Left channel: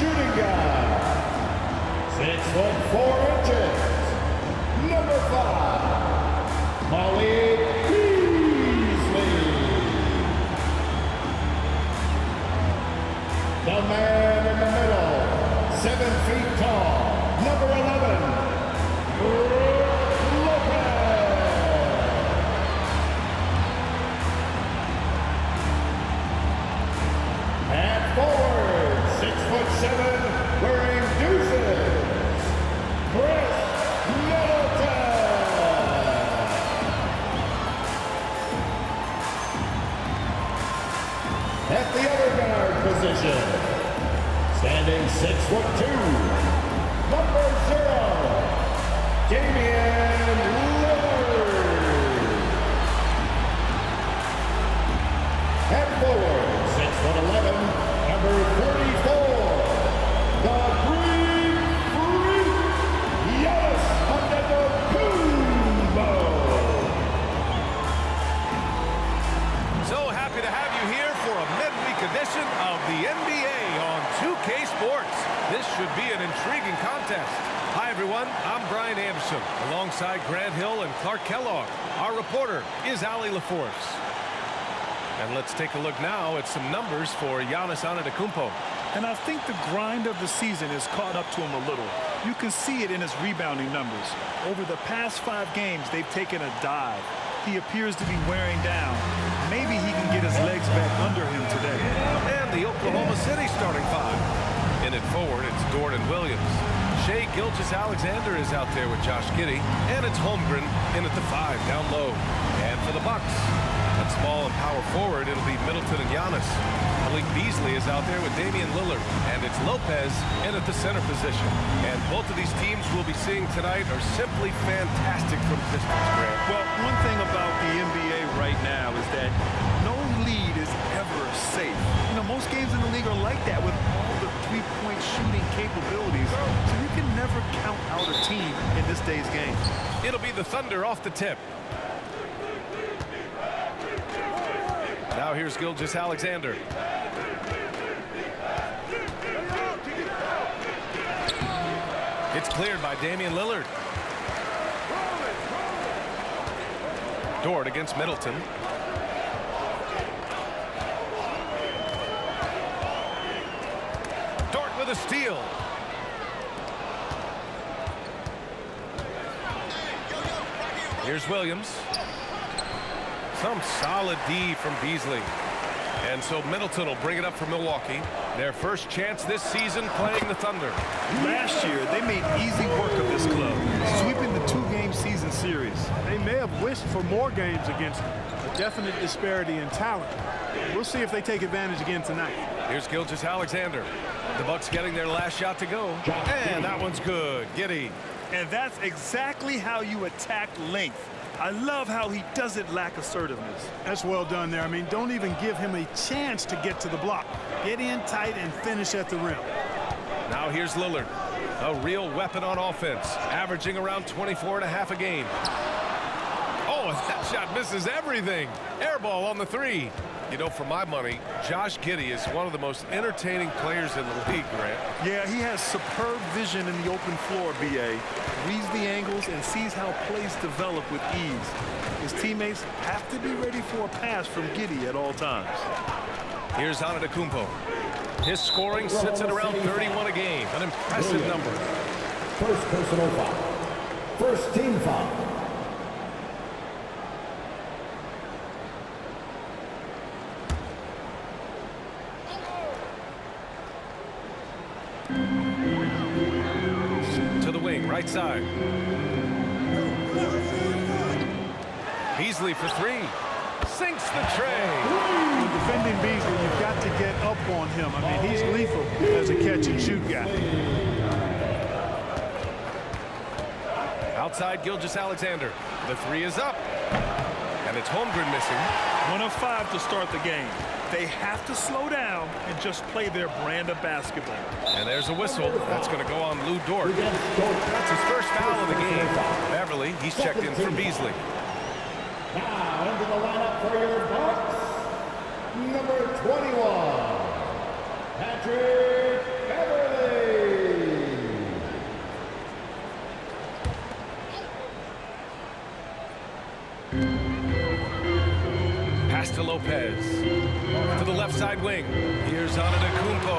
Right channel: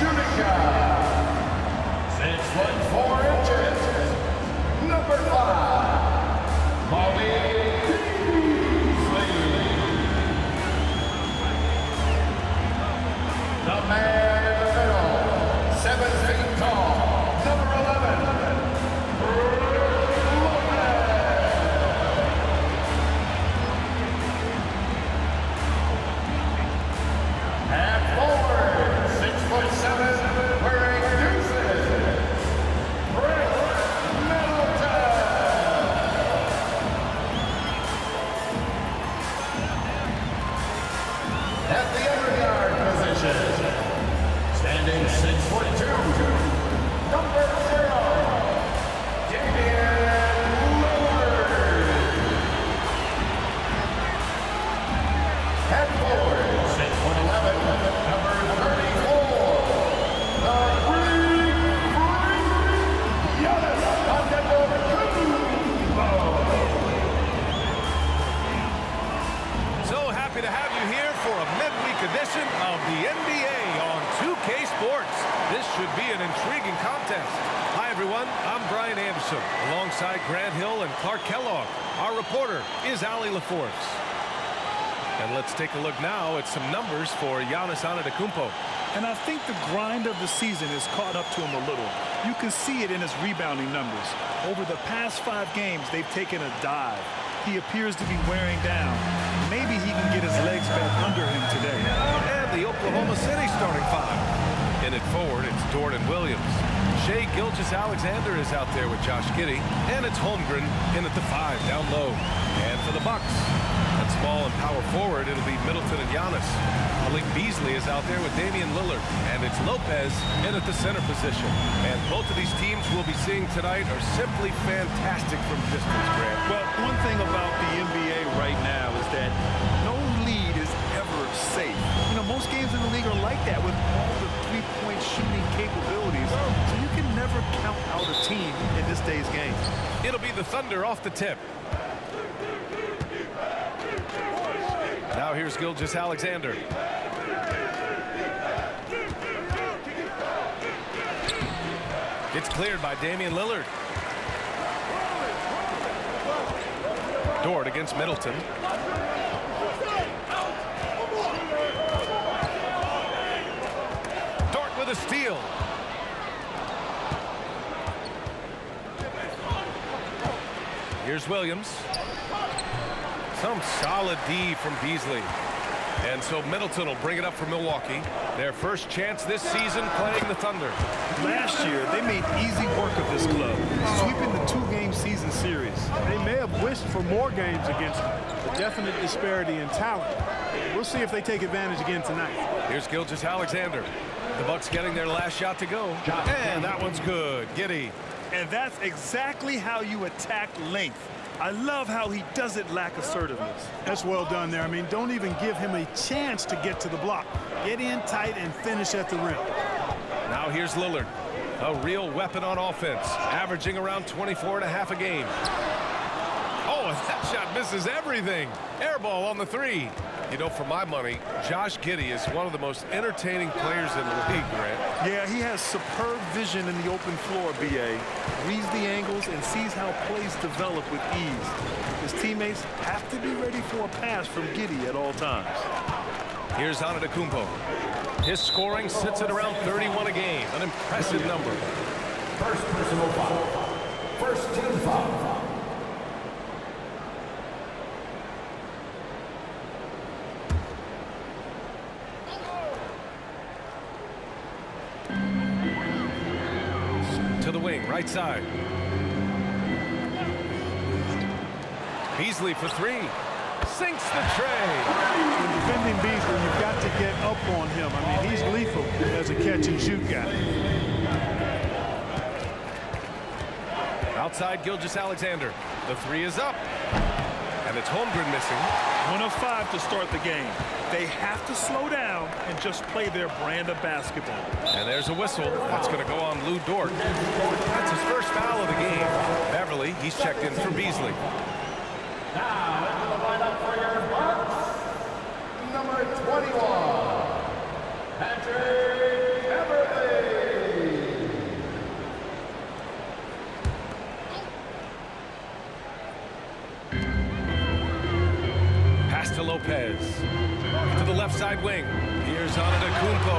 shooting guard, 6'4", number 5, Molly Beasley. The man in the middle, 7 feet tall, number 11, Lopez. At forward, 6'7", wearing deuces, Chris Middleton. At the other guard position, standing 6'2", number 0, Damian Lillard. At forward, 6'11", number 34, the Greek Freak, Giannis Antetokounmpo. So happy to have you here for a midweek edition of the NBA on 2K Sports. This should be an intriguing contest. Hi everyone, I'm Brian Anderson, alongside Grant Hill and Clark Kellogg. Our reporter is Allie LaForce. And let's take a look now at some numbers for Giannis Antetokounmpo. And I think the grind of the season has caught up to him a little. You can see it in his rebounding numbers. Over the past 5 games, they've taken a dive. He appears to be wearing down. Maybe he can get his legs back under him today. And the Oklahoma City starting 5. In it forward, it's Dort and Williams. Shai Gilgeous-Alexander is out there with Josh Giddey. And it's Holmgren in at the 5, down low. And for the Bucks, at small and power forward, it'll be Middleton and Giannis. Malik Beasley is out there with Damian Lillard. And it's Lopez in at the center position. And both of these teams we'll be seeing tonight are simply fantastic from distance, Grant. Well, one thing about the NBA right now is that no lead is ever safe. You know, most games in the league are like that with all the three-point shooting capabilities. So you can never count out a team in this day's game. It'll be the Thunder off the tip. Now here's Gilgeous-Alexander. It's cleared by Damian Lillard. Dort against Middleton. Dort with a steal. Here's Williams. Some solid D from Beasley. And so Middleton will bring it up for Milwaukee. Their first chance this season playing the Thunder. Last year, they made easy work of this club, sweeping the 2-game season series. They may have wished for more games against a definite disparity in talent. We'll see if they take advantage again tonight. Here's Gilgeous-Alexander. The Bucks getting their last shot to go. And that one's good. Giddey. And that's exactly how you attack length. I love how he doesn't lack assertiveness. That's well done there. I mean, don't even give him a chance to get to the block. Get in tight and finish at the rim. Now here's Lillard. A real weapon on offense, averaging around 24.5 a game. Oh, and that shot misses everything. Air ball on the 3. You know, for my money, Josh Giddey is one of the most entertaining players in the league, Grant. Yeah, he has superb vision in the open floor, B.A. Reads the angles and sees how plays develop with ease. His teammates have to be ready for a pass from Giddey at all times. Here's Antetokounmpo. His scoring sits at around 31 a game, an impressive number. First personal foul. First team foul. To the wing, right side. Beasley for 3. Sinks the tray. When defending Beasley, you've got to get up on him. I mean, he's lethal as a catch-and-shoot guy. Outside Gilgeous-Alexander. The 3 is up. And it's Holmgren missing. 1 of 5 to start the game. They have to slow down and just play their brand of basketball. And there's a whistle. That's going to go on Lou Dort. That's his first foul of the game. Beverly, he's checked in for Beasley. Now into the lineup for your Bucks, number 21, Patrick Beverly. to Lopez. To the left side wing. Here's Antetokounmpo.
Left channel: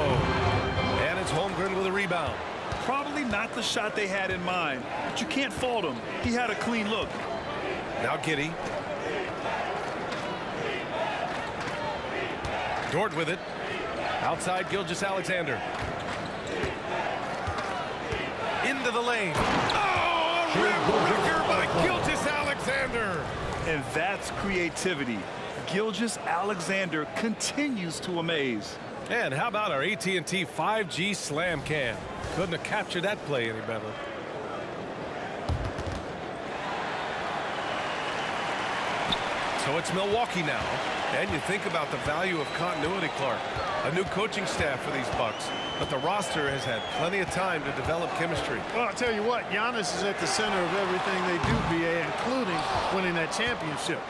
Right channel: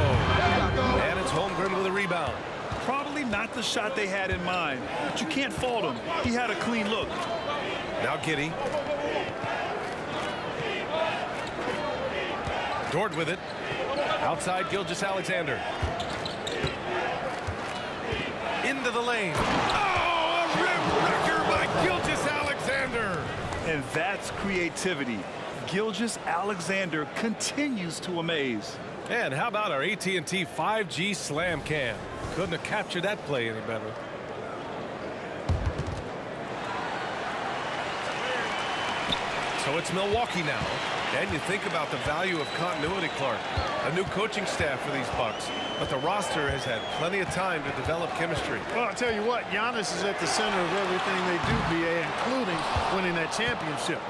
And it's Holmgren with a rebound. Probably not the shot they had in mind, but you can't fault him. He had a clean look. Now Giddey. Dort with it. Outside Gilgeous-Alexander. Into the lane. Oh, a rim wrecker by Gilgeous-Alexander. And that's creativity. Gilgeous-Alexander continues to amaze. And how about our AT&T 5G Slam Cam? Couldn't have captured that play any better. So it's Milwaukee now. And you think about the value of continuity, Clark. A new coaching staff for these Bucks, but the roster has had plenty of time to develop chemistry. Well, I'll tell you what, Giannis is at the center of everything they do, BA, including winning that championship.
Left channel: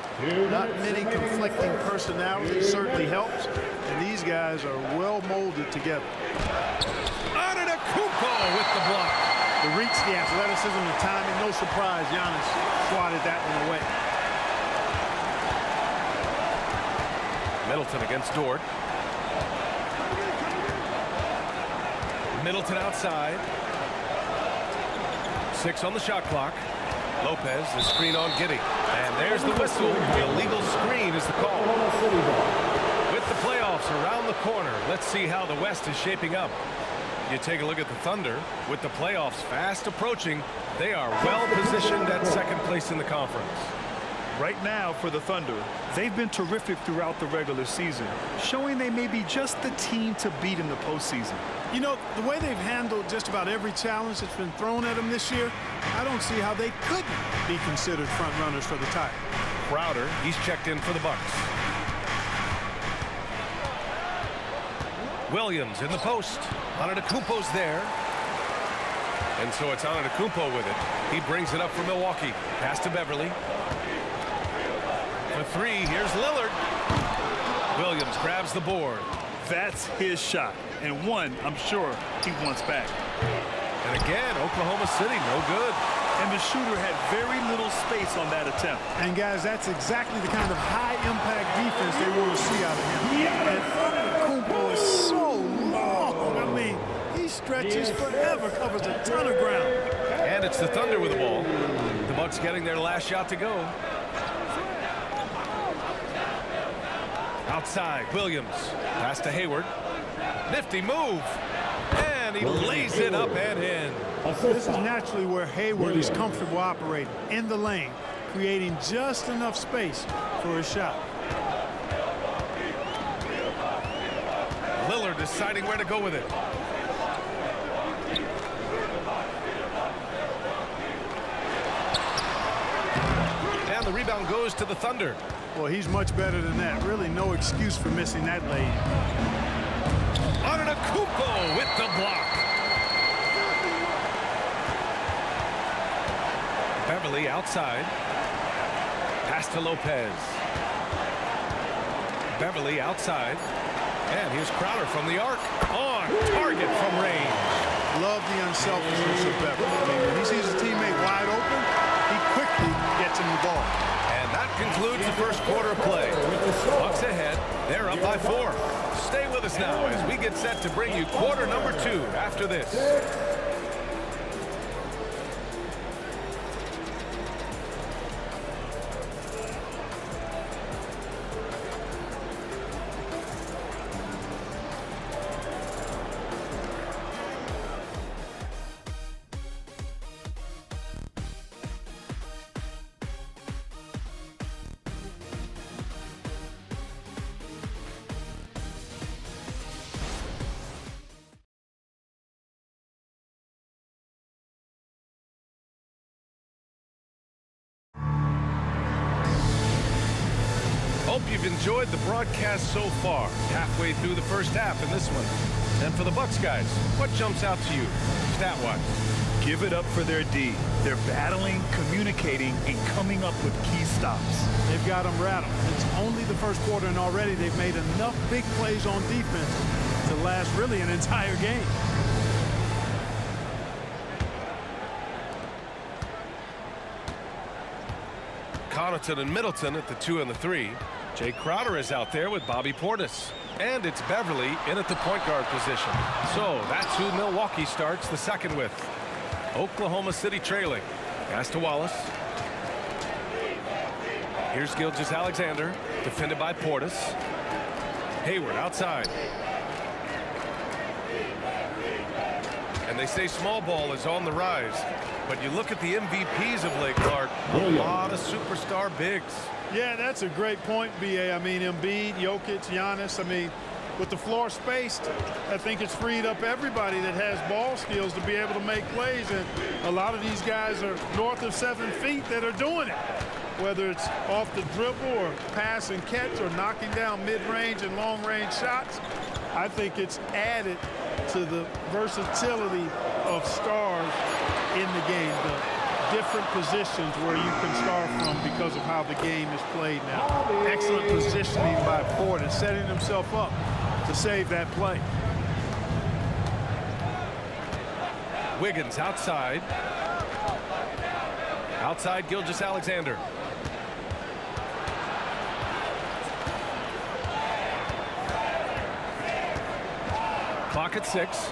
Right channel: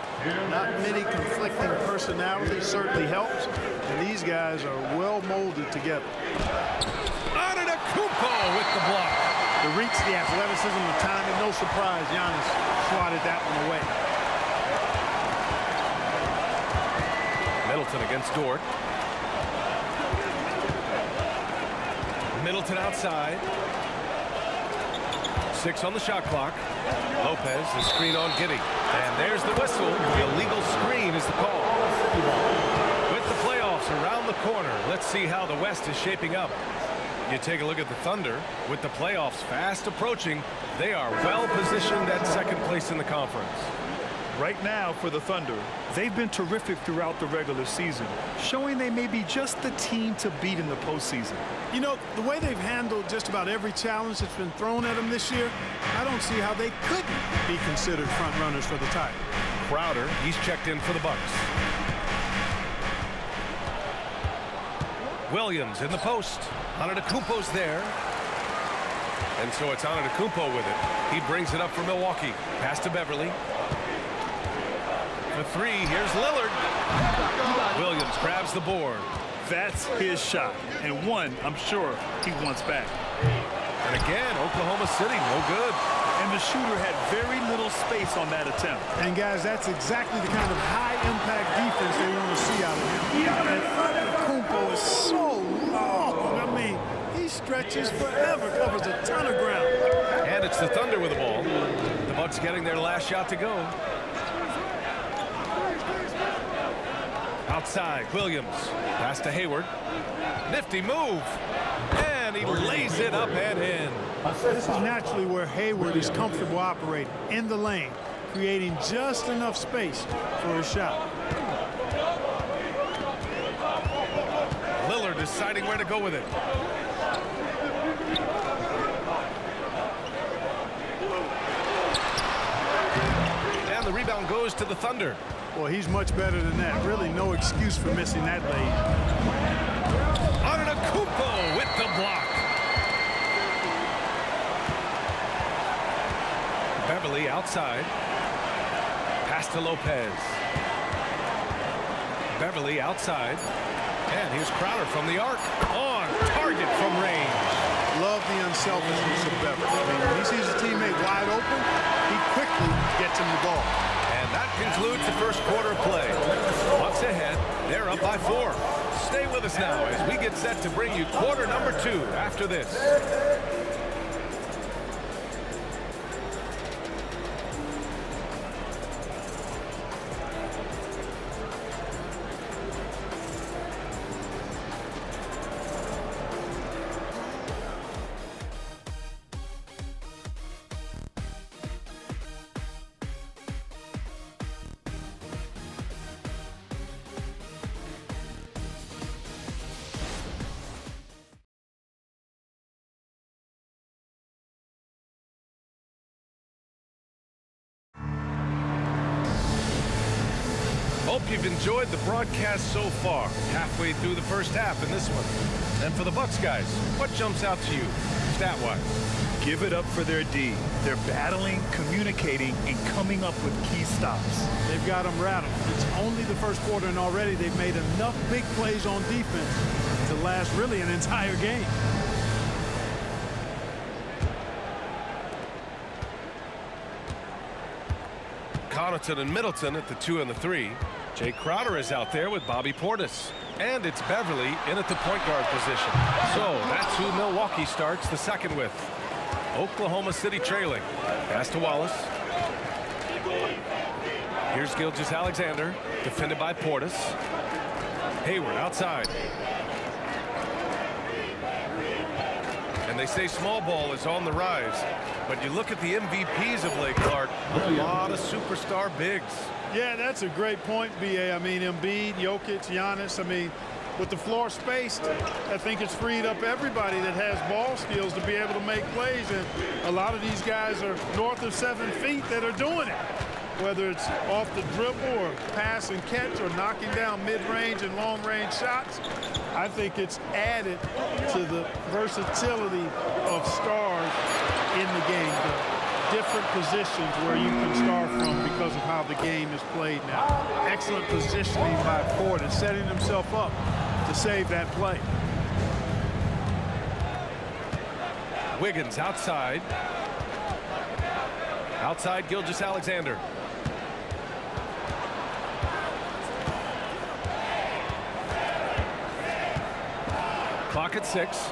Not many conflicting personalities certainly helps, and these guys are well molded together. Antetokounmpo with the block. The reach, the athleticism, the timing, no surprise Giannis swatted that one away. Middleton against Dort. Middleton outside. 6 on the shot clock. Lopez, the screen on Giddey. And there's the whistle. The illegal screen is the call. With the playoffs around the corner, let's see how the West is shaping up. You take a look at the Thunder. With the playoffs fast approaching, they are well positioned at second place in the conference. Right now for the Thunder, they've been terrific throughout the regular season, showing they may be just the team to beat in the postseason. You know, the way they've handled just about every challenge that's been thrown at them this year, I don't see how they couldn't be considered front runners for the title. Crowder, he's checked in for the Bucks. Williams in the post. Antetokounmpo's there. And so it's Antetokounmpo with it. He brings it up for Milwaukee. Pass to Beverly. For 3, here's Lillard. Williams grabs the board. That's his shot, and one I'm sure he wants back. And again, Oklahoma City, no good. And the shooter had very little space on that attempt. And guys, that's exactly the kind of high-impact defense they want to see out of him. And Antetokounmpo is so long. I mean, he stretches forever, covers a ton of ground. And it's the Thunder with the ball. The Bucks getting their last shot to go. Outside, Williams. Pass to Hayward. Nifty move. And he lays it up and in. This is naturally where Hayward is comfortable operating, in the lane, creating just enough space for his shot. Lillard deciding where to go with it. And the rebound goes to the Thunder. Well, he's much better than that. Really no excuse for missing that lane. Antetokounmpo with the block. Beverly outside. Pass to Lopez. Beverly outside. And here's Crowder from the arc. On target from range. Love the unselfishness of Beverly. I mean, when he sees a teammate wide open, he quickly gets him the ball. And that concludes the first quarter of play. Bucks ahead. They're up by 4. Stay with us now as we get set to bring you quarter number 2 after this. Hope you've enjoyed the broadcast so far. Halfway through the first half in this one. And for the Bucks guys, what jumps out to you, stat-wise? Give it up for their D. They're battling, communicating, and coming up with key stops. They've got them rattled. It's only the first quarter, and already they've made enough big plays on defense to last really an entire game. Connaughton and Middleton at the 2 and the 3. Jay Crowder is out there with Bobby Portis. And it's Beverly in at the point guard position. So that's who Milwaukee starts the second with. Oklahoma City trailing. Pass to Wallace. Here's Gilgeous-Alexander, defended by Portis. Hayward outside. And they say small ball is on the rise. But you look at the MVPs of late, Clark, a lot of superstar bigs. Yeah, that's a great point, B.A. I mean, Embiid, Jokic, Giannis. I mean, with the floor spaced, I think it's freed up everybody that has ball skills to be able to make plays. And a lot of these guys are north of 7 feet that are doing it, whether it's off the dribble or pass and catch or knocking down mid-range and long-range shots. I think it's added to the versatility of stars in the game, the different positions where you can start from because of how the game is played now. Excellent positioning by Portis, setting himself up to save that play. Wiggins outside. Outside Gilgeous-Alexander. Clock at 6.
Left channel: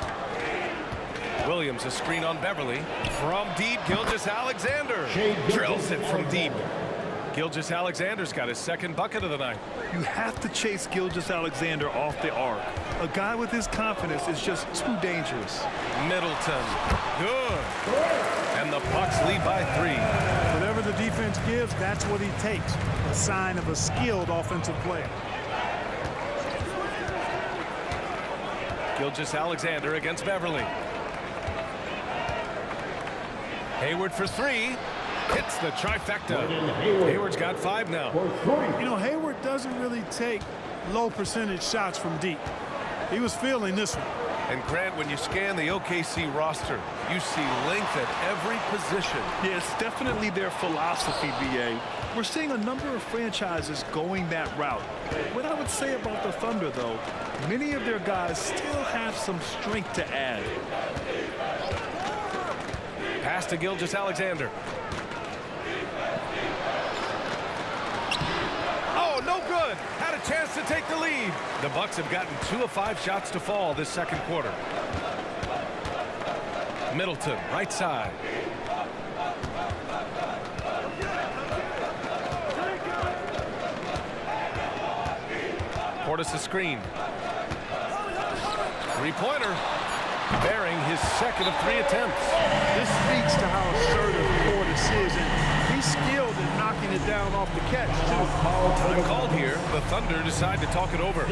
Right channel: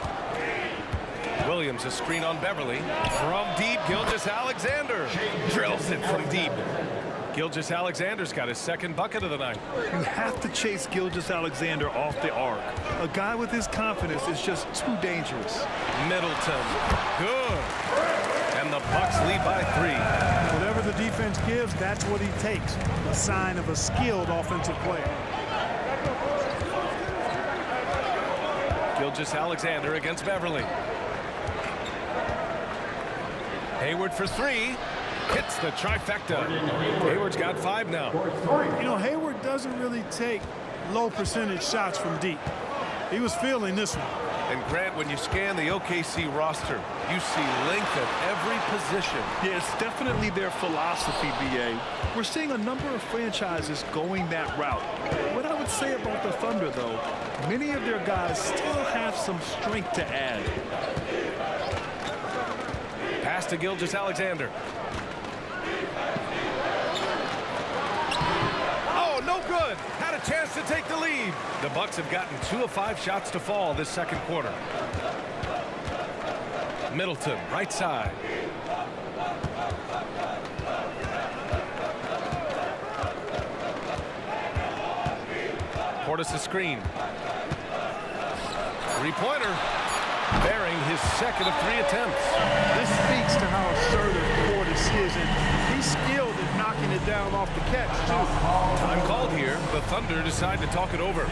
Williams, a screen on Beverly. From deep, Gilgeous-Alexander drills it from deep. Gilgeous-Alexander's got his second bucket of the night. You have to chase Gilgeous-Alexander off the arc. A guy with his confidence is just too dangerous. Middleton, good. And the Bucks lead by 3. Whatever the defense gives, that's what he takes. A sign of a skilled offensive player. Gilgeous-Alexander against Beverly. Hayward for 3. Hits the trifecta. Hayward's got 5 now. You know, Hayward doesn't really take low percentage shots from deep. He was feeling this one. And Grant, when you scan the OKC roster, you see length at every position. Yeah, it's definitely their philosophy, B.A. We're seeing a number of franchises going that route. What I would say about the Thunder, though, many of their guys still have some strength to add. Pass to Gilgeous-Alexander. Oh, no good. Had a chance to take the lead. The Bucks have gotten 2 of 5 shots to fall this second quarter. Middleton, right side. Portis a screen. Three-pointer. Bearing his second of 3 attempts. This speaks to how assertive Portis is, and he's skilled at knocking it down off the catch, too. Time called here. The Thunder decide to talk it over.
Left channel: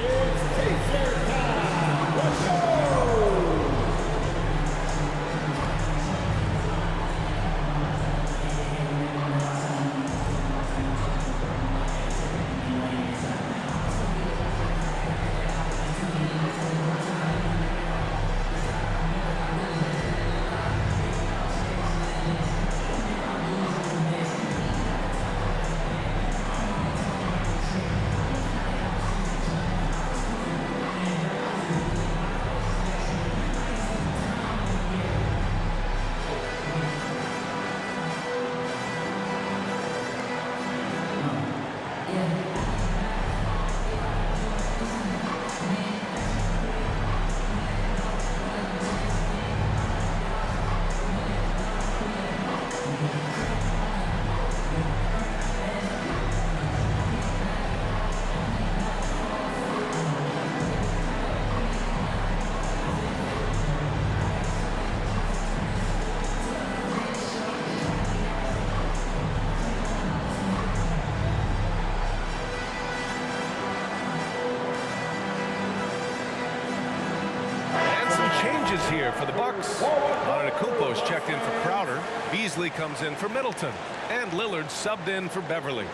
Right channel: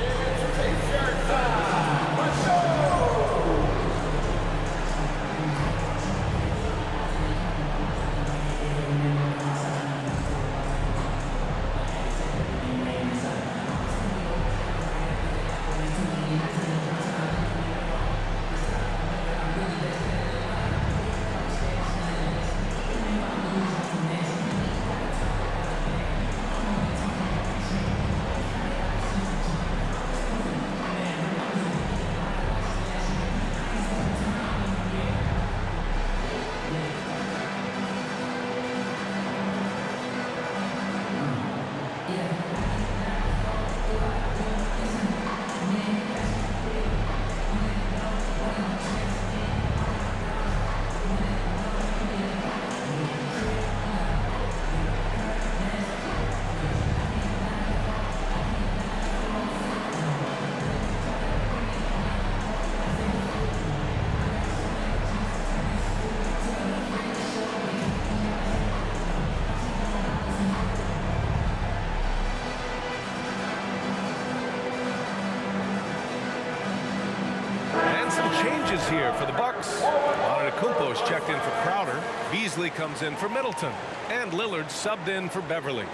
Changes here for the Bucks. Antetokounmpo is checked in for Crowder. Beasley comes in for Middleton. And Lillard subbed in for Beverly.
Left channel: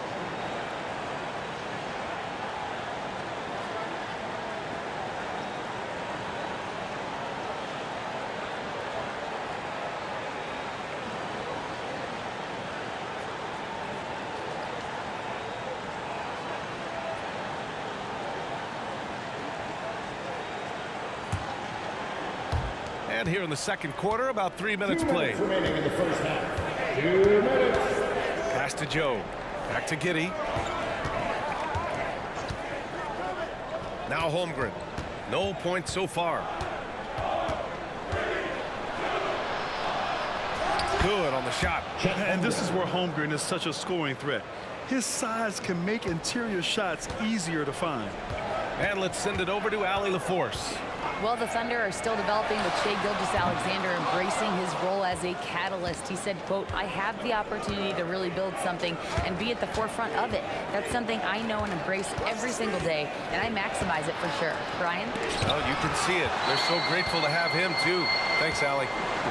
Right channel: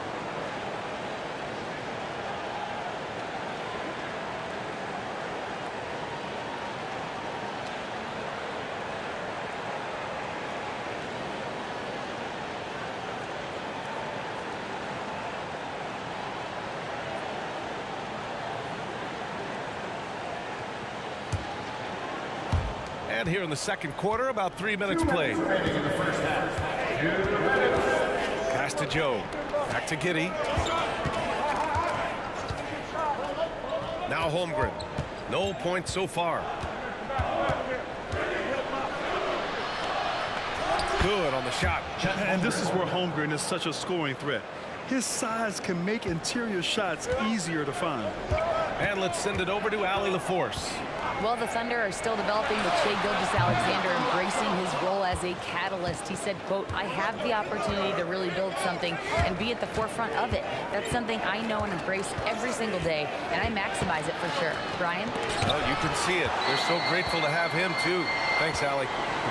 And here in the second quarter, about 3 minutes played. Remaining in the first half. 2 minutes. Pass to Joe. Back to Giddey. Now Holmgren. No points so far. Good on the shot. And this is where Holmgren is such a scoring threat. His size can make interior shots easier to find. And let's send it over to Allie LaForce. Well, the Thunder are still developing with Shai Gilgeous-Alexander embracing his role as a catalyst. He said, quote, I have the opportunity to really build something and be at the forefront of it. That's something I know and embrace every single day, and I maximize it for sure. Brian? Oh, you can see it. They're so grateful to have him, too. Thanks, Allie.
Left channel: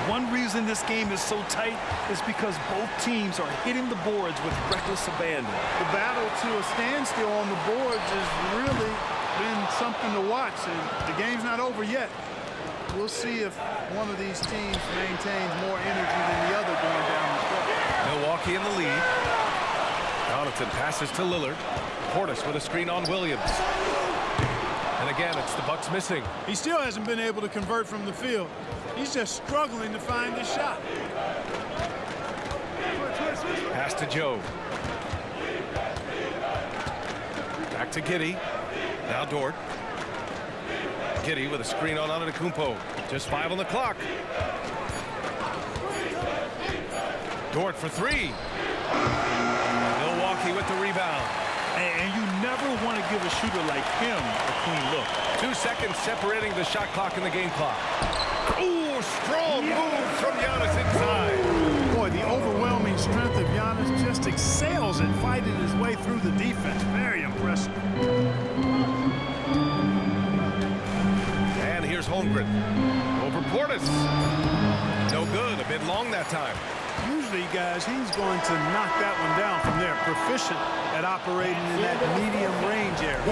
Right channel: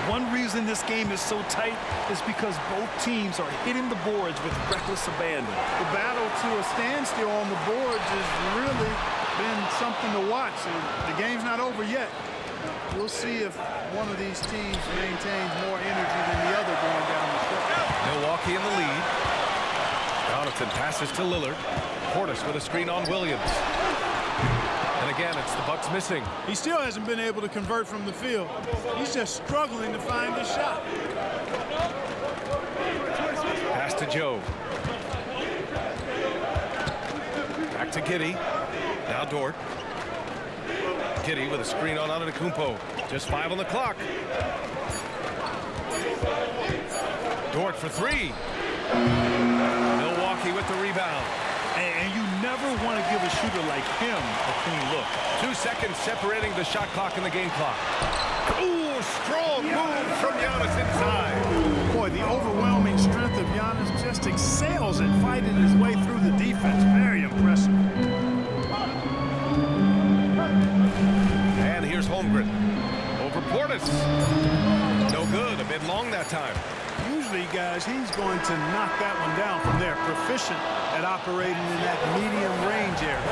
One reason this game is so tight is because both teams are hitting the boards with reckless abandon. The battle to a standstill on the boards has really been something to watch, and the game's not over yet. We'll see if one of these teams maintains more energy than the other going down the stretch. Milwaukee in the lead. Connaughton passes to Lillard. Portis with a screen on Williams. And again, it's the Bucks missing. He still hasn't been able to convert from the field. He's just struggling to find his shot. Pass to Joe. Back to Giddey. Now Dort. Giddey with a screen on Antetokounmpo. Just 5 on the clock. Dort for 3. Milwaukee with the rebound. And you never want to give a shooter like him a clean look. 2 seconds separating the shot clock and the game clock. Ooh, strong move from Giannis inside. Boy, the overwhelming strength of Giannis just excels at fighting his way through the defense. Very impressive. And here's Holmgren. Over Portis. No good. A bit long that time. Usually, guys, he's going to knock that one down from there. Proficient at operating in that medium range area.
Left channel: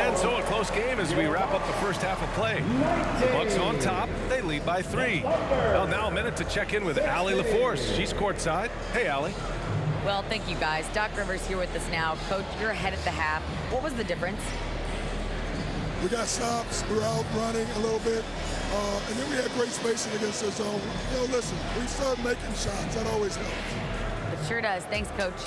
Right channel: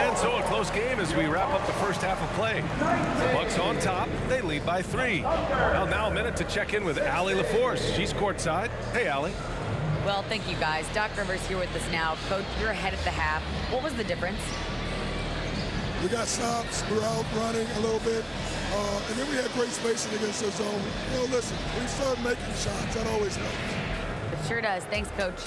And so a close game as we wrap up the first half of play. The Bucks on top. They lead by 3. Well, now a minute to check in with Allie LaForce. She's courtside. Hey, Allie. Well, thank you, guys. Doc Rivers here with us now. Coach, you're ahead at the half. What was the difference? We got stops. We were out running a little bit. And then we had great spacing against the zone. You know, listen, we start making shots. That always helps. It sure does. Thanks, Coach.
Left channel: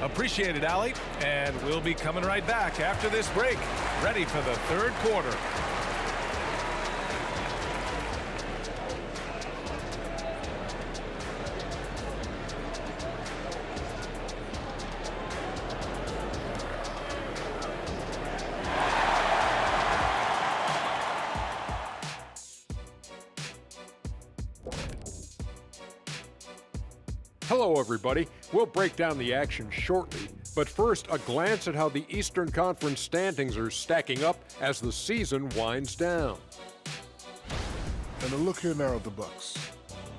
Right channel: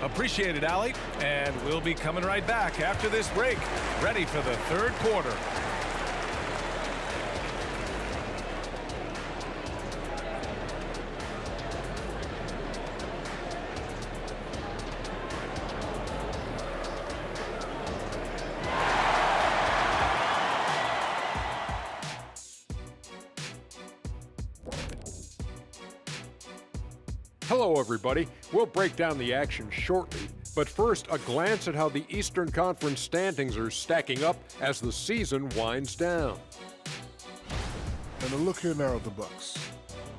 Appreciate it, Allie. And we'll be coming right back after this break. Ready for the third quarter. Hello, everybody. We'll break down the action shortly, but first, a glance at how the Eastern Conference standings are stacking up as the season winds down. And a look here now at the Bucks.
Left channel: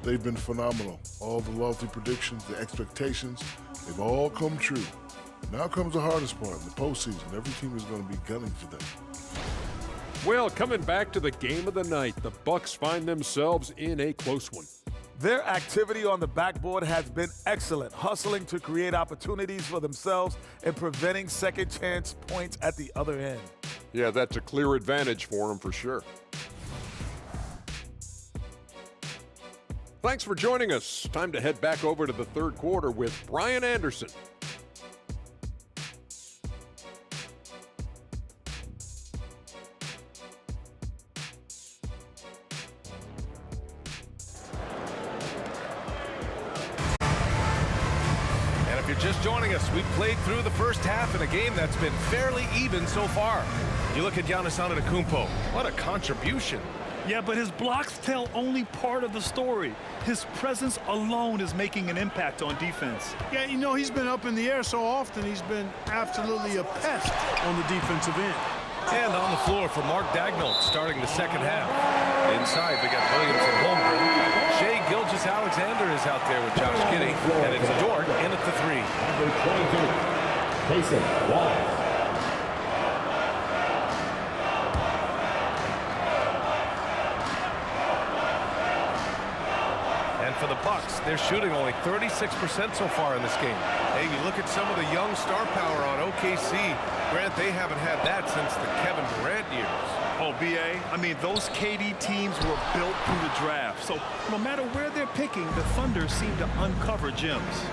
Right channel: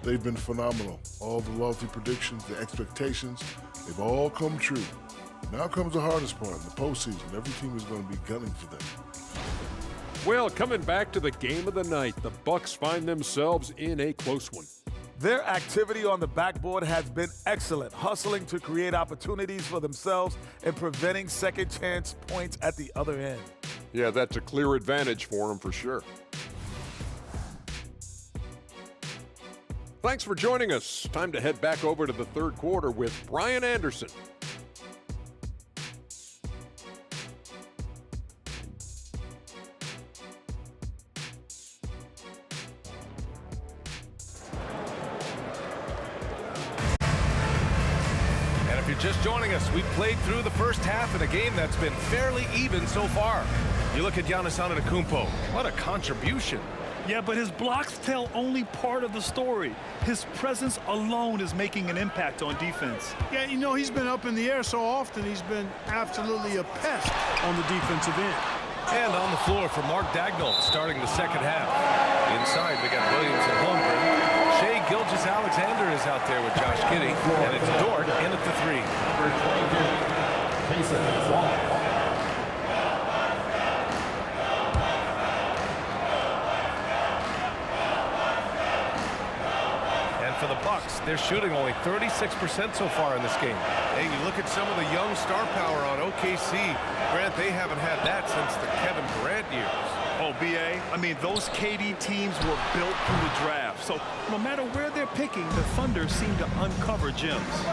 They've been phenomenal. All the lofty predictions, the expectations, they've all come true. Now comes the hardest part, the postseason. Every team is going to be gunning for them. Well, coming back to the game of the night, the Bucks find themselves in a close one. Their activity on the backboard has been excellent, hustling to create opportunities for themselves and preventing second chance points at the other end. Yeah, that's a clear advantage for them for sure. Thanks for joining us. Time to head back over to the third quarter with Brian Anderson. And if you're just joining us, we've played through the first half in a game that's been fairly even so far. You look at Giannis Antetokounmpo. What a contribution. Yeah, but his blocks tell only part of the story. His presence alone is making an impact on defense. Yeah, you know, he's been up in the air so often, he's been absolutely a pest on the defensive end. And on the floor for Mark Daigneault starting the second half. Inside, we got Williams and Holmgren. Shai Gilgeous-Alexander is out there with Josh Giddey, and it's Dort in at the 3. Number 22, Jason Wallace. And for the Bucks, they're shooting only 36% so far in this game. Hey, you look at some of the young star power on OKC. Grant, they haven't had that since the Kevin Durant years. Oh, B.A., I mean, those KD teams were built through the draft. So no matter where they're picking, the Thunder seem to uncover gems.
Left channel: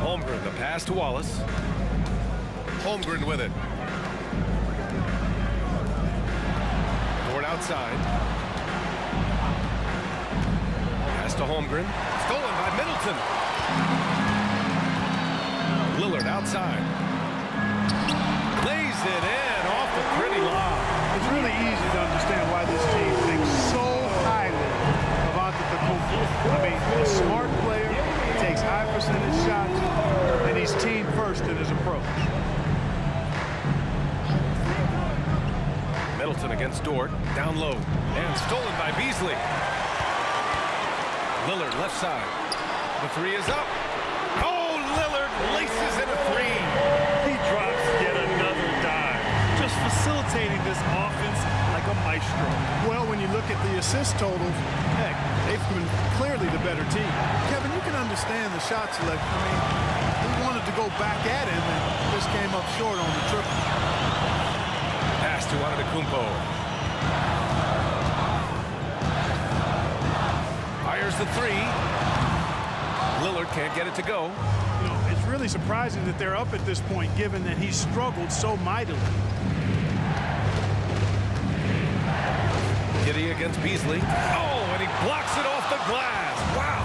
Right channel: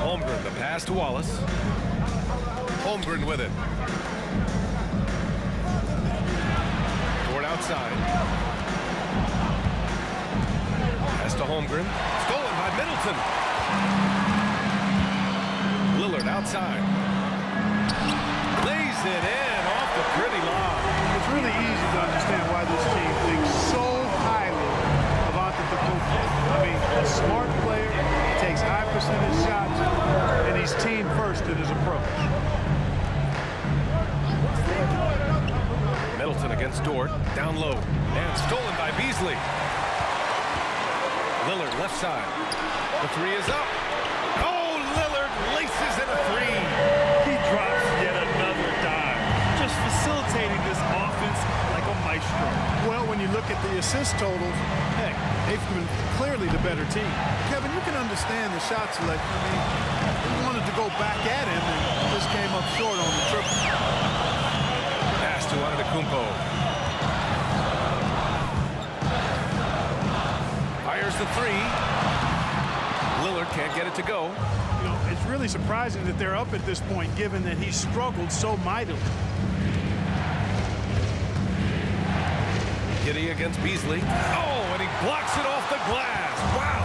Holmgren, the pass to Wallace. Holmgren with it. Dort outside. Pass to Holmgren. Stolen by Middleton. Lillard outside. Lays it in off the pretty lob. It's really easy to understand why this team thinks so highly of Antetokounmpo. I mean, a smart player, takes high percentage shots, and he's team first in his approach. Middleton against Dort, down low, and stolen by Beasley. Lillard left side. The three is up. Oh, Lillard laces in a three. He drops yet another dime, just facilitating this offense like a maestro. Well, when you look at the assist totals, heck, they've been clearly the better team. Kevin, you can understand the shot selection. I mean, they wanted to go back at him and just came up short on the triple. Pass to Antetokounmpo. Fires the three. Lillard can't get it to go. You know, it's really surprising that they're up at this point, given that he struggled so mightily. Giddey against Beasley. Oh, and he blocks it off the glass. Wow.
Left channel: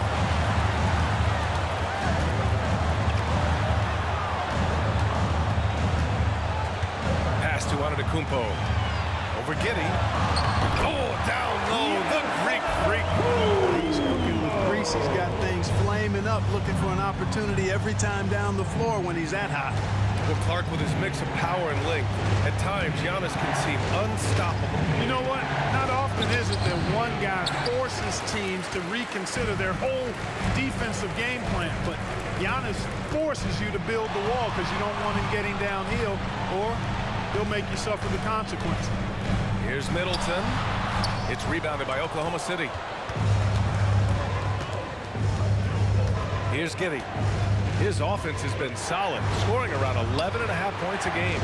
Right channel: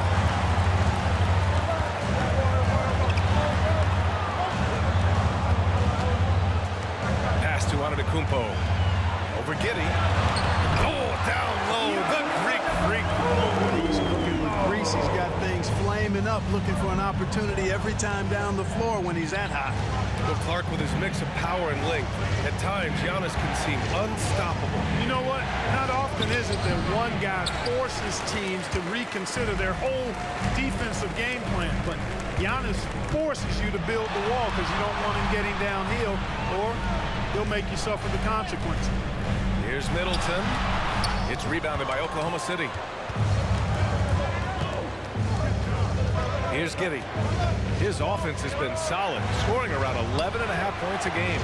Pass to Antetokounmpo. Over Giddey. Oh, down low, the Greek freak. He's cooking with grease. He's got things flaming up, looking for an opportunity every time down the floor when he's that hot. Well, Clark, with his mix of power and length, at times Giannis can seem unstoppable. You know what? Not often is it that one guy forces teams to reconsider their whole defensive game plan, but Giannis forces you to build the wall because you don't want him getting downhill, or he'll make you suffer the consequences. Here's Middleton. It's rebounded by Oklahoma City. Here's Giddey. His offense has been solid, scoring around 11.5 points a game.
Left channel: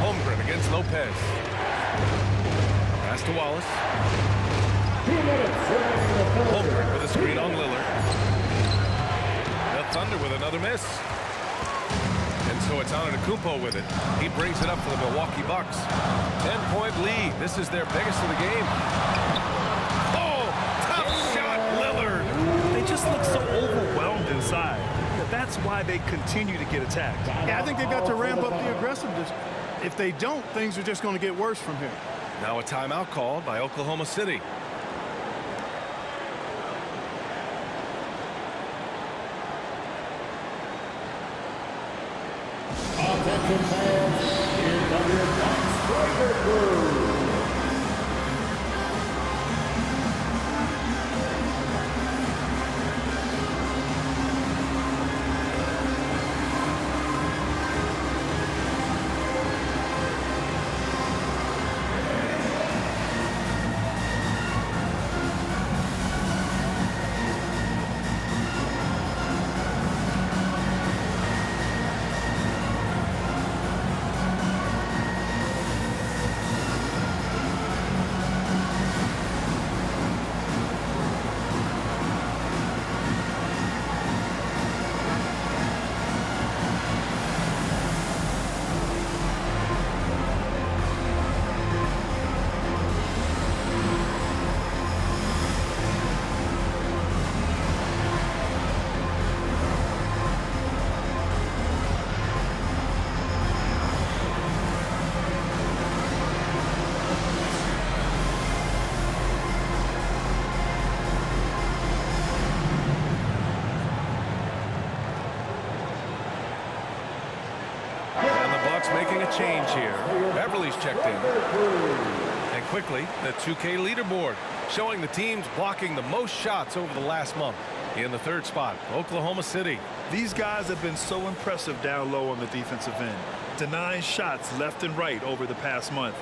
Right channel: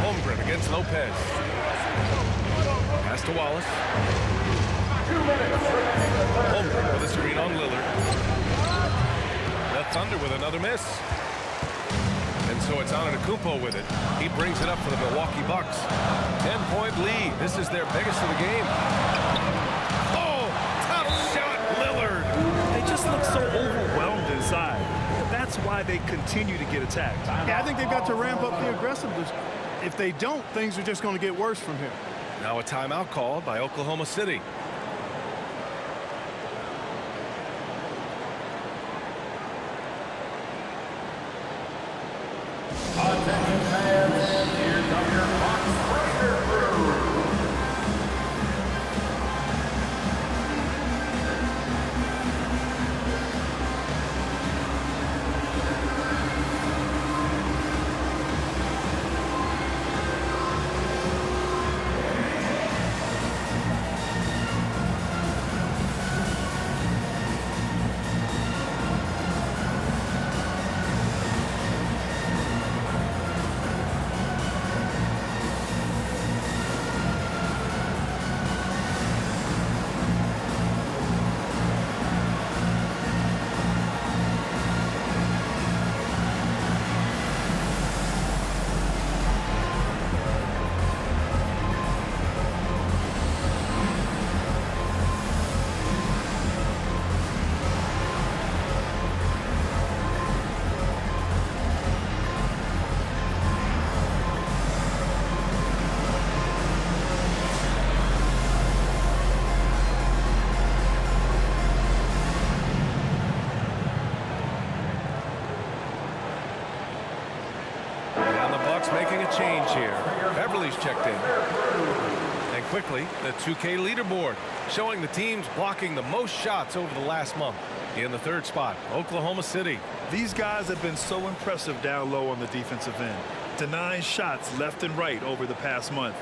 Holmgren against Lopez. Pass to Wallace. Holmgren with a screen on Lillard. The Thunder with another miss. And so it's Antetokounmpo with it. He brings it up for the Milwaukee Bucks. 10-point lead. This is their biggest of the game. Oh, tough shot, Lillard. They just look so overwhelmed inside. That's why they continue to get attacked. Yeah, I think they've got to ramp up the aggressiveness. If they don't, things are just going to get worse from here. Now a timeout called by Oklahoma City. Attention fans, here come your box breaker crew. Bucks making a change here. Beverly's checked in. And quickly, the 2K leaderboard showing the teams blocking the most shots over the last month. In the third spot, Oklahoma City. These guys have been so impressive down low on the defensive end, denying shots left and right over the past month.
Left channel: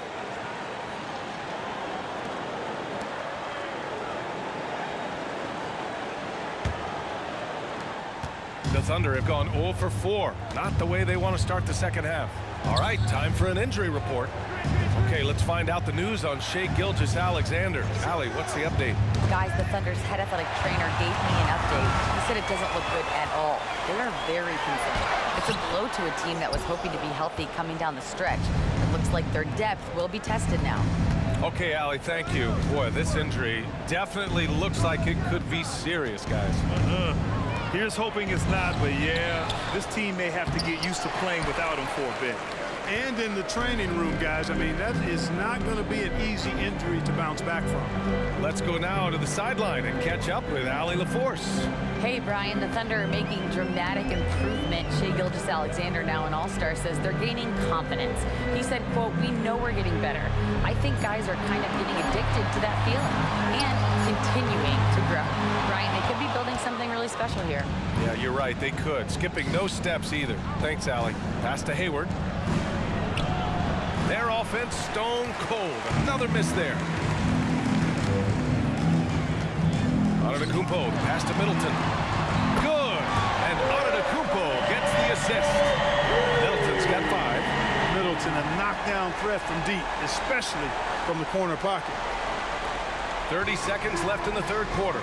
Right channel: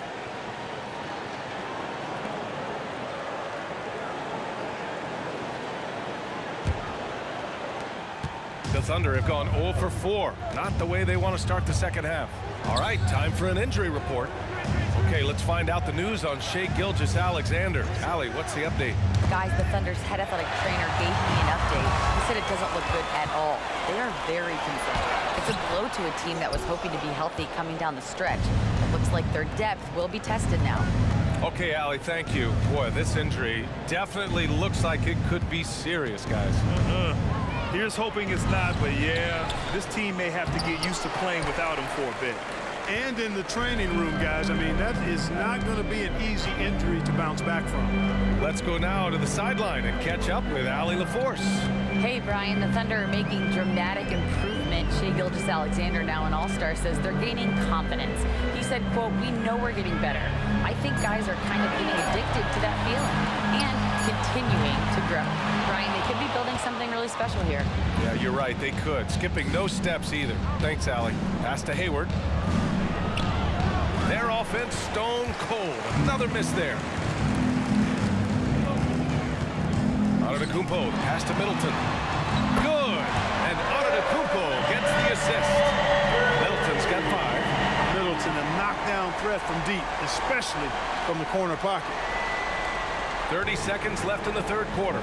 The Thunder have gone 0 for 4. Not the way they want to start the second half. All right, time for an injury report. Okay, let's find out the news on Shai Gilgeous-Alexander. Allie, what's the update? Guys, the Thunder's head athletic trainer gave me an update. He said it doesn't look good at all. They are very concerned. It's a blow to a team that was hoping to be healthy coming down the stretch. It looks like their depth will be tested now. Okay, Allie, thank you. Boy, this injury definitely looks like it could be serious, guys. Here's hoping it's not, but yeah, this team may have to get used to playing without him for a bit. And in the training room, guys, I mean, that is not going to be an easy injury to bounce back from. Let's go now to the sideline and catch up with Allie LaForce. Hey, Brian, the Thunder are making dramatic improvement. Shai Gilgeous-Alexander, now an all-star, says they're gaining confidence. He said, quote, "We know we're getting better. I think guys are kind of getting addicted to that feeling and continuing to grow." Brian, they could be building something really special here. Yeah, you're right. They could. Skipping no steps either. Thanks, Allie. Pass to Hayward. Their offense stone cold. Another miss there. Antetokounmpo, the pass to Middleton. Good. And Antetokounmpo gets the assist. Middleton's got 5. Middleton, a knockdown threat from deep, especially from the corner pocket. 30 seconds left in the third quarter.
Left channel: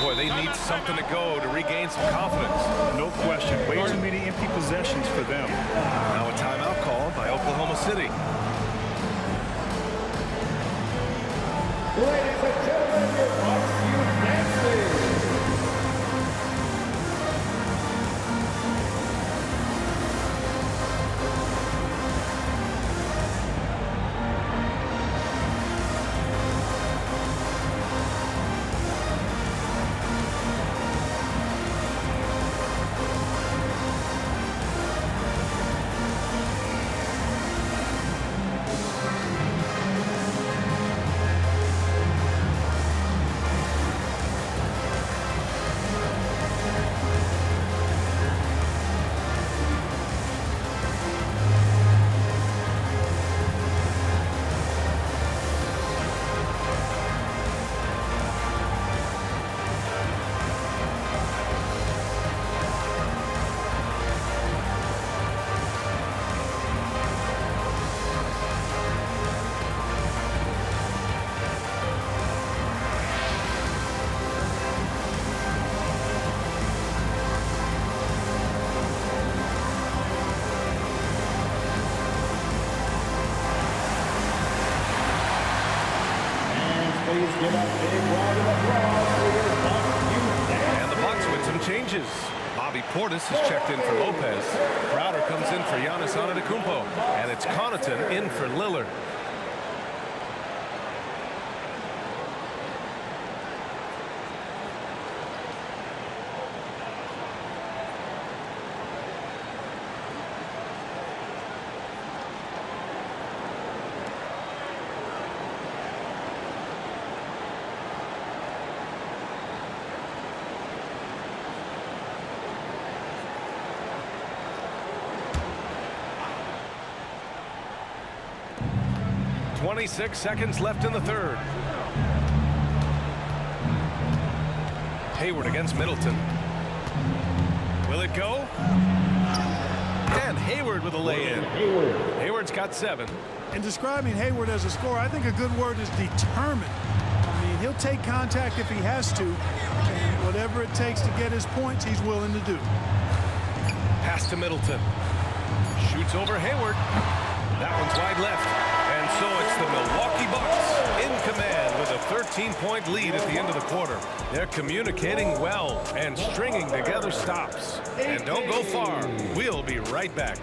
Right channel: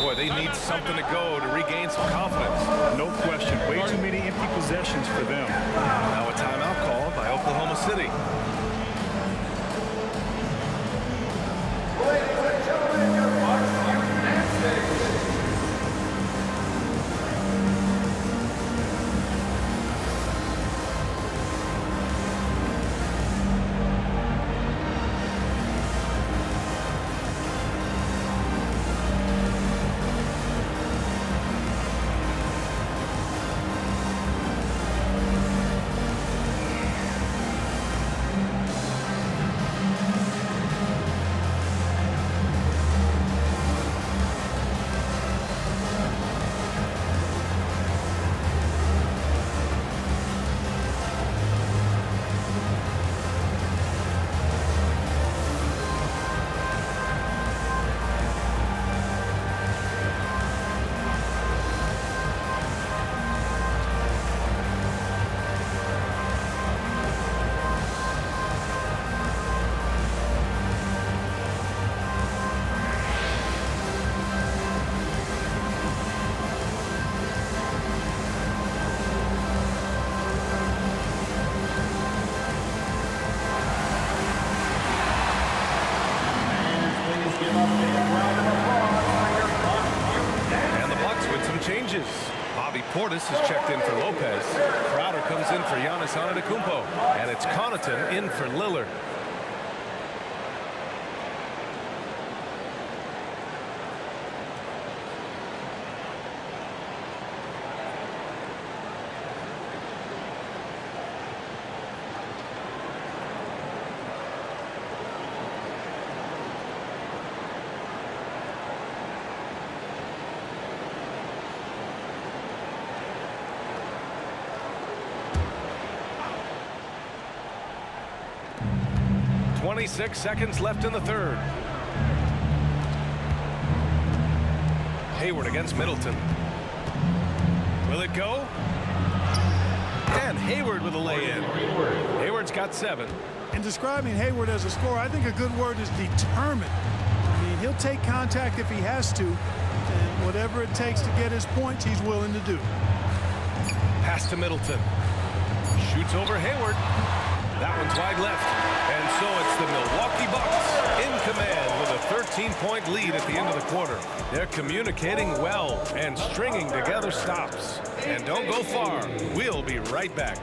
Boy, they need something to go to regain some confidence. No question. Way too many empty possessions for them. Now a timeout called by Oklahoma City. Ladies and gentlemen, your Bucks Youth Dancing. And the Bucks with some changes. Bobby Portis has checked in for Lopez. Crowder comes in for Giannis Antetokounmpo. And it's Connaughton in for Lillard. .26 seconds left in the third. Hayward against Middleton. Will it go? And Hayward with a lay-in. Hayward's got 7. In describing Hayward as a scorer, I think a good word is determined. I mean, he'll take contact if he has to, and whatever it takes to get his points, he's willing to do. Pass to Middleton. Shoots over Hayward. That one's wide left. And so it's the Milwaukee Bucks in command with a 13-point lead at the end of the quarter. They're communicating well and stringing together stops. And don't go far. We'll be right back.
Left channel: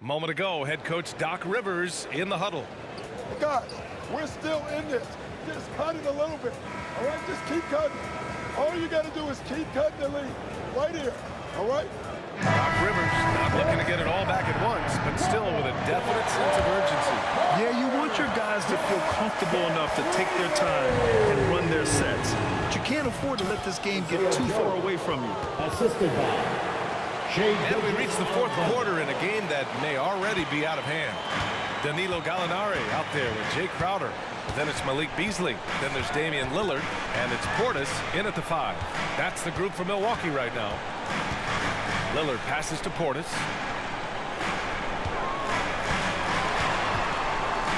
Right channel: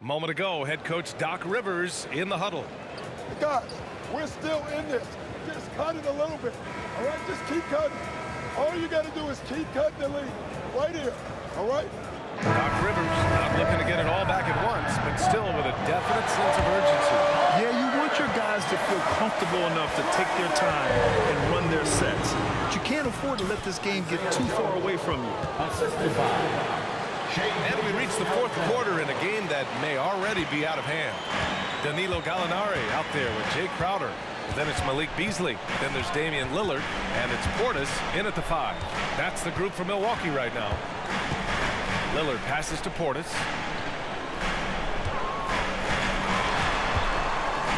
Moment ago, head coach Doc Rivers in the huddle. Guys, we're still in this. Just cut it a little bit. All right, just keep cutting. All you got to do is keep cutting the lead. Right here. all right? Doc Rivers not looking to get it all back at once, but still with a definite sense of urgency. Yeah, you want your guys to feel comfortable enough to take their time and run their sets. But you can't afford to let this game get too far away from you. Assisted by And we reach the fourth quarter in a game that may already be out of hand. Danilo Gallinari out there with Jay Crowder. Then it's Malik Beasley. Then there's Damian Lillard. And it's Portis in at the 5. That's the group for Milwaukee right now. Lillard passes to Portis.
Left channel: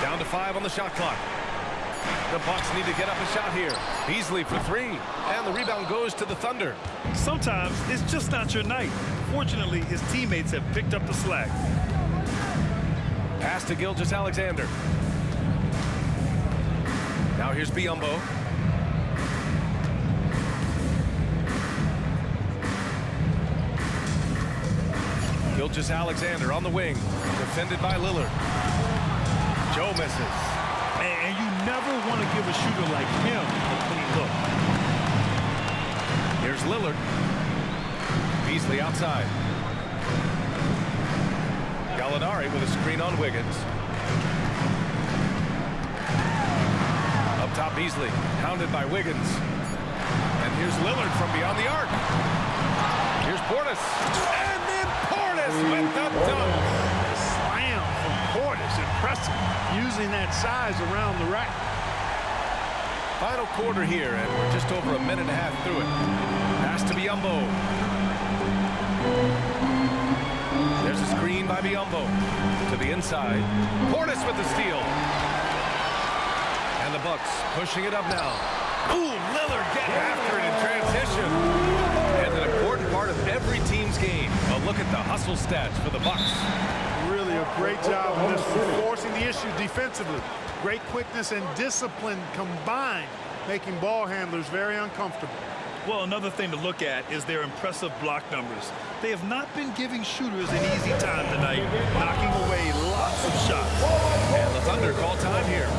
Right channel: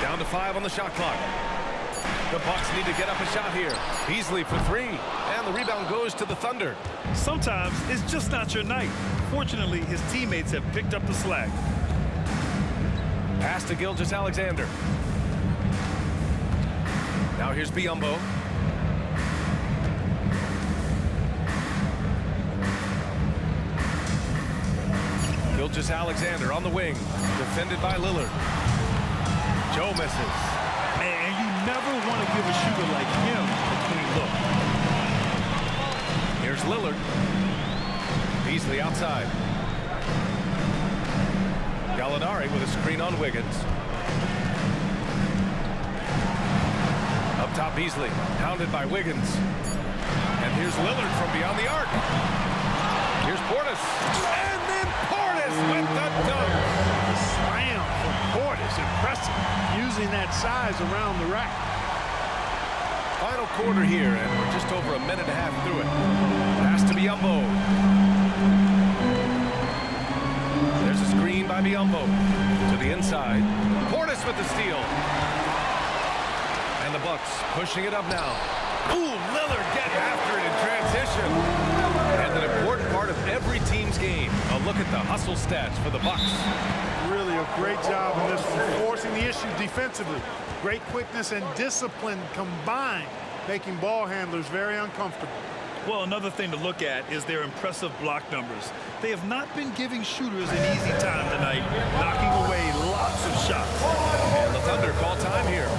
Down to 5 on the shot clock. The Bucks need to get up a shot here. Beasley for 3. And the rebound goes to the Thunder. Sometimes it's just not your night. Fortunately, his teammates have picked up the slack. Pass to Gilgeous-Alexander. Now here's Biyombo. Gilgeous-Alexander on the wing. Defended by Lillard. Joe misses. And you never want to give a shooter like him a clean look. Here's Lillard. Beasley outside. Gallinari with a screen on Wiggins. Up top, Beasley, hounded by Wiggins. And here's Lillard from beyond the arc. Here's Portis. And then Portis with the dunk. The slam from Portis, impressive, using that size around the rack. Final quarter here, and we're just over a minute and a half through it. Pass to Biyombo. There's a screen by Biyombo. To the inside. Portis with the steal. And the Bucks pushing it up now. Ooh, Lillard getting after it in transition. And an important part of every team's game. A look at the hustle stats for the Bucks. Really a great job in this one, forcing the issue defensively. Great quickness and discipline combined, making ball handlers very uncomfortable. Well, another thing to look at is their impressive block numbers. They have not been giving shooters an easy time tonight, knocking away lots of shots. And the Thunder call time here.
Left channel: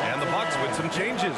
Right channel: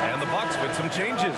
And the Bucks with some changes.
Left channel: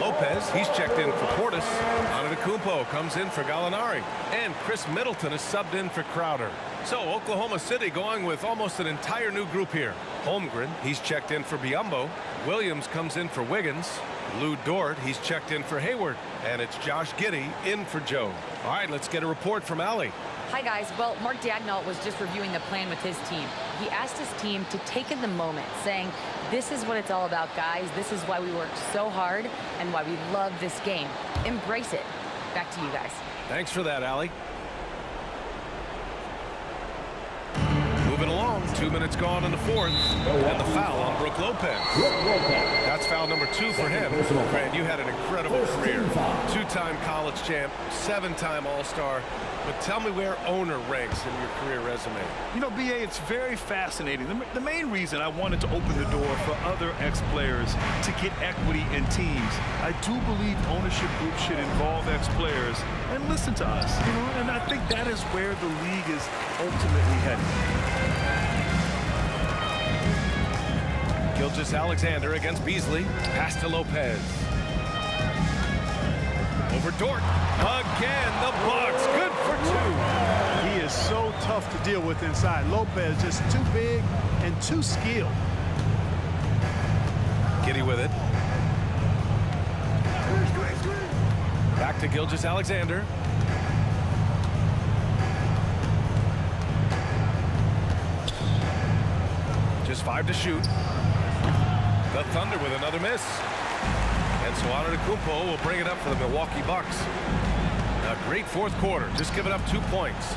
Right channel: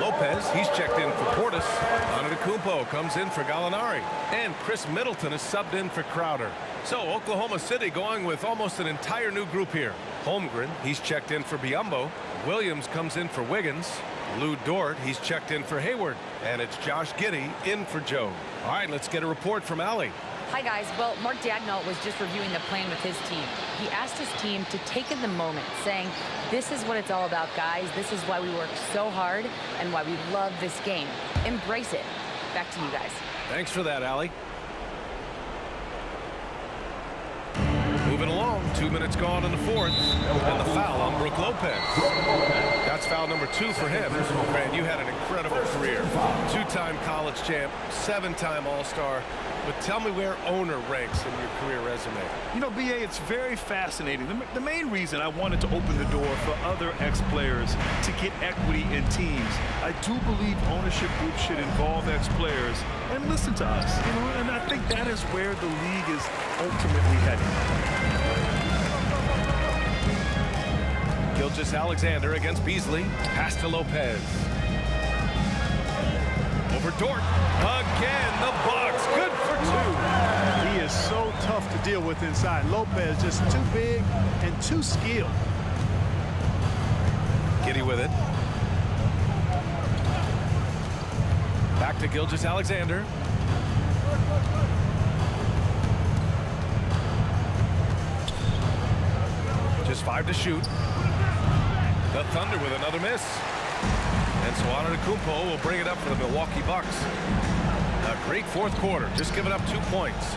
Lopez, he's checked in for Portis. Antetokounmpo comes in for Gallinari. And Chris Middleton is subbed in for Crowder. So Oklahoma City going with almost an entire new group here. Holmgren, he's checked in for Biyombo. Williams comes in for Wiggins. Lou Dort, he's checked in for Hayward. And it's Josh Giddey in for Joe. All right, let's get a report from Allie. Hi, guys. Well, Mark Daigneault was just reviewing the plan with his team. He asked his team to take in the moment, saying, this is what it's all about, guys. This is why we work so hard and why we love this game. Embrace it. Back to you guys. Thanks for that, Allie. Moving along, 2 minutes gone in the fourth, and the foul on Brook Lopez. That's foul number 2 for him. Grant, you had an incredible career. 2-time college champ, 7-time All-Star. But tell me where owner ranks in your career resume. You know, B.A., it's very fascinating. The main reason I wanted to open the door for other ex-players to get equity in teams, I do believe ownership groups should involve ex-players and listen to us. You know, and I think that is where the league is ultimately heading. Gilgeous-Alexander against Beasley. Pass to Lopez. Over Dort. Again, the Bucks. Good for 2. He is so tough to deal with inside. Lopez just too big and too skilled. Giddey with it. Back to Gilgeous-Alexander. Just 5 to shoot. The Thunder with another miss. And so Antetokounmpo will bring it up for the Milwaukee Bucks. A great fourth quarter, just giving up 2 points.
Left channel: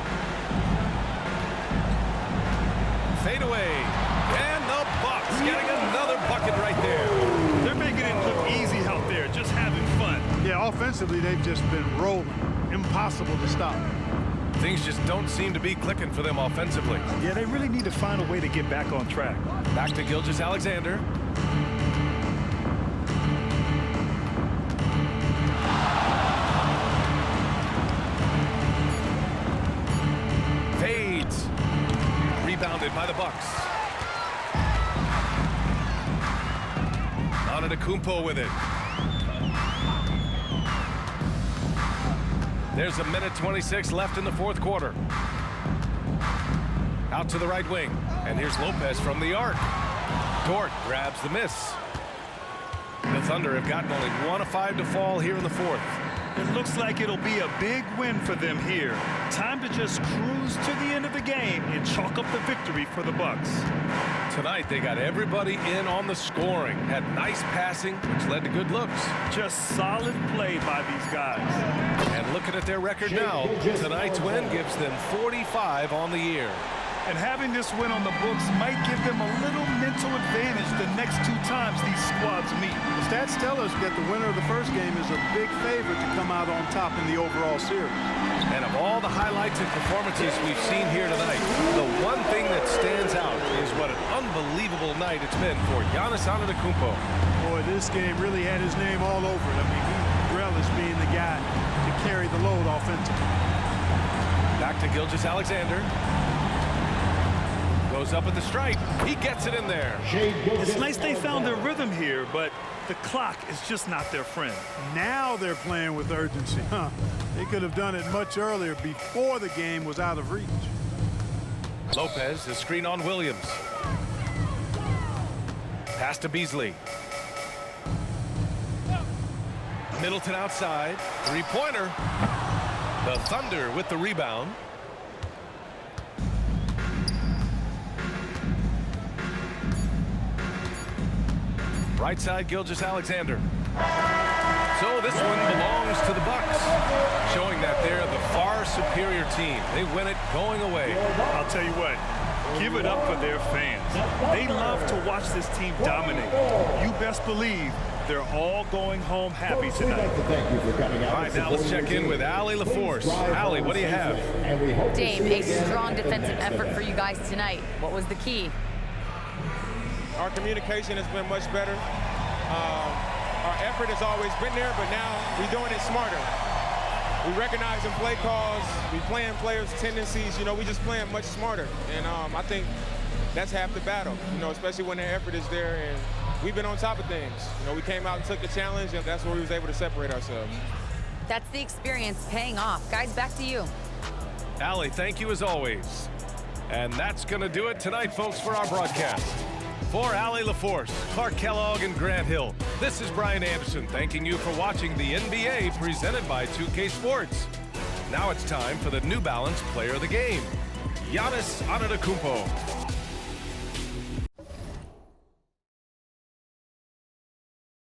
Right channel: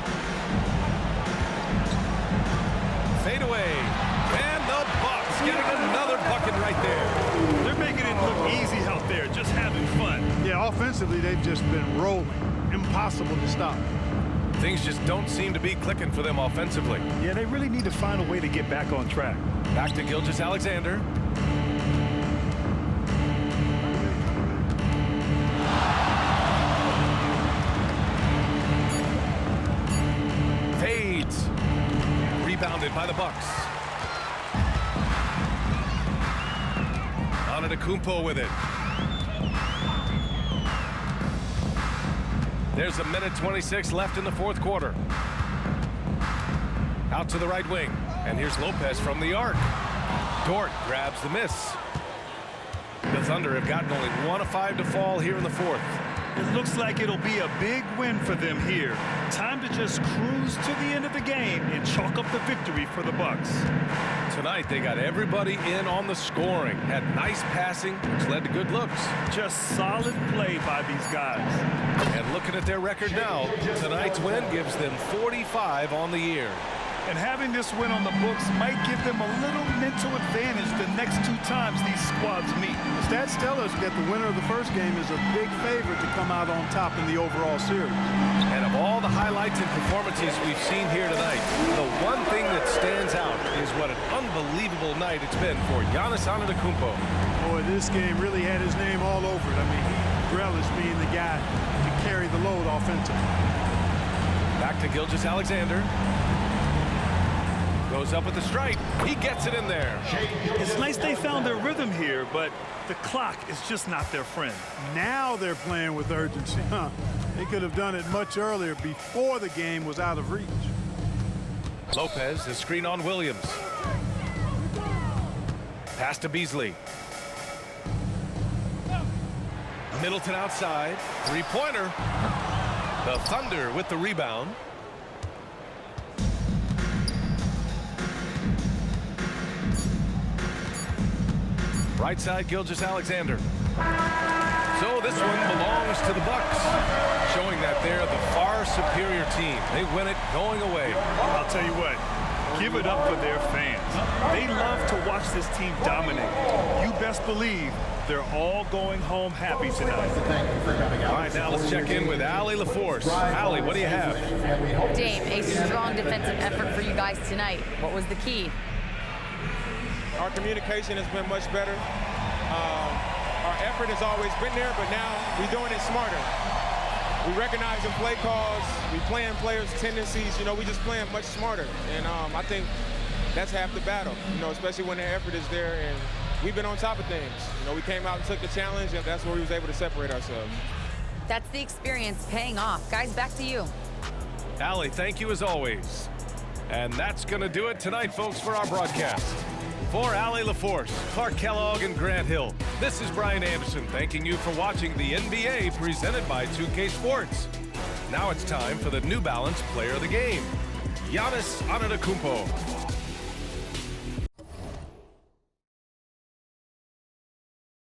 Fade away. And the Bucks getting another bucket right there. They're making it look easy out there, just having fun. Yeah, offensively, they've just been rolling. Impossible to stop. Things just don't seem to be clicking for them offensively. Yeah, they really need to find a way to get back on track. Back to Gilgeous-Alexander. Fades. Rebounded by the Bucks. Antetokounmpo with it. There's a minute 26 left in the fourth quarter. Out to the right wing. And here's Lopez from the arc. Dort grabs the miss. The Thunder have gotten only 1 of 5 to fall here in the fourth. It looks like it'll be a big win for them here. Time to just cruise to the end of the game and chalk up the victory for the Bucks. Tonight, they got everybody in on the scoring. Had nice passing, which led to good looks. Just solid play by these guys. And looking at their record now, tonight's win gives them 45 on the year. And having this win on the books might give them a little mental advantage the next 2 times these squads meet. The stats tell us that the winner of the first game is a big favorite to come out on top in the overall series. And of all the highlights and performances we've seen here tonight, the one thing that stands out is what an unbelievable night it's been for Giannis Antetokounmpo. Boy, this game really had his name all over it. I mean, he relished being the guy to carry the load offensively. Back to Gilgeous-Alexander. Goes up at the stripe. He gets it in there. It's nice they found their rhythm here, but the clock is just not their friend. Now they're playing with urgency. They could have done it much earlier before the game was out of reach. Lopez, the screen on Williams. Pass to Beasley. Middleton outside. 3-pointer. The Thunder with the rebound. Right side, Gilgeous-Alexander. So this one belongs to the Bucks, showing that they're the far superior team. They win it going away. I'll tell you what, give it up for their fans. They love to watch this team dominate. You best believe they're all going home happy tonight. All right, now let's check in with Allie LaForce. Allie, what do you have? Dame, a strong defensive effort for you guys tonight. What was the key? Our communication has been much better. Our effort has always been there, but now we're doing it smarter. We recognize in play calls, we playing players' tendencies, we just playing much smarter. And I think that's half the battle, especially when the effort is there. And we've been on top of things. We came out and took the challenge, and that's where we was able to separate ourselves. That's the experience paying off. Guys, back to you. Allie, thank you as always. And that's going to do it tonight, folks, for our broadcast. For Allie LaForce, Clark Kellogg, and Grant Hill, this is Brian Anderson thanking you for watching the NBA presented by 2K Sports. Now it's time for the New Balance Player of the Game, Giannis Antetokounmpo.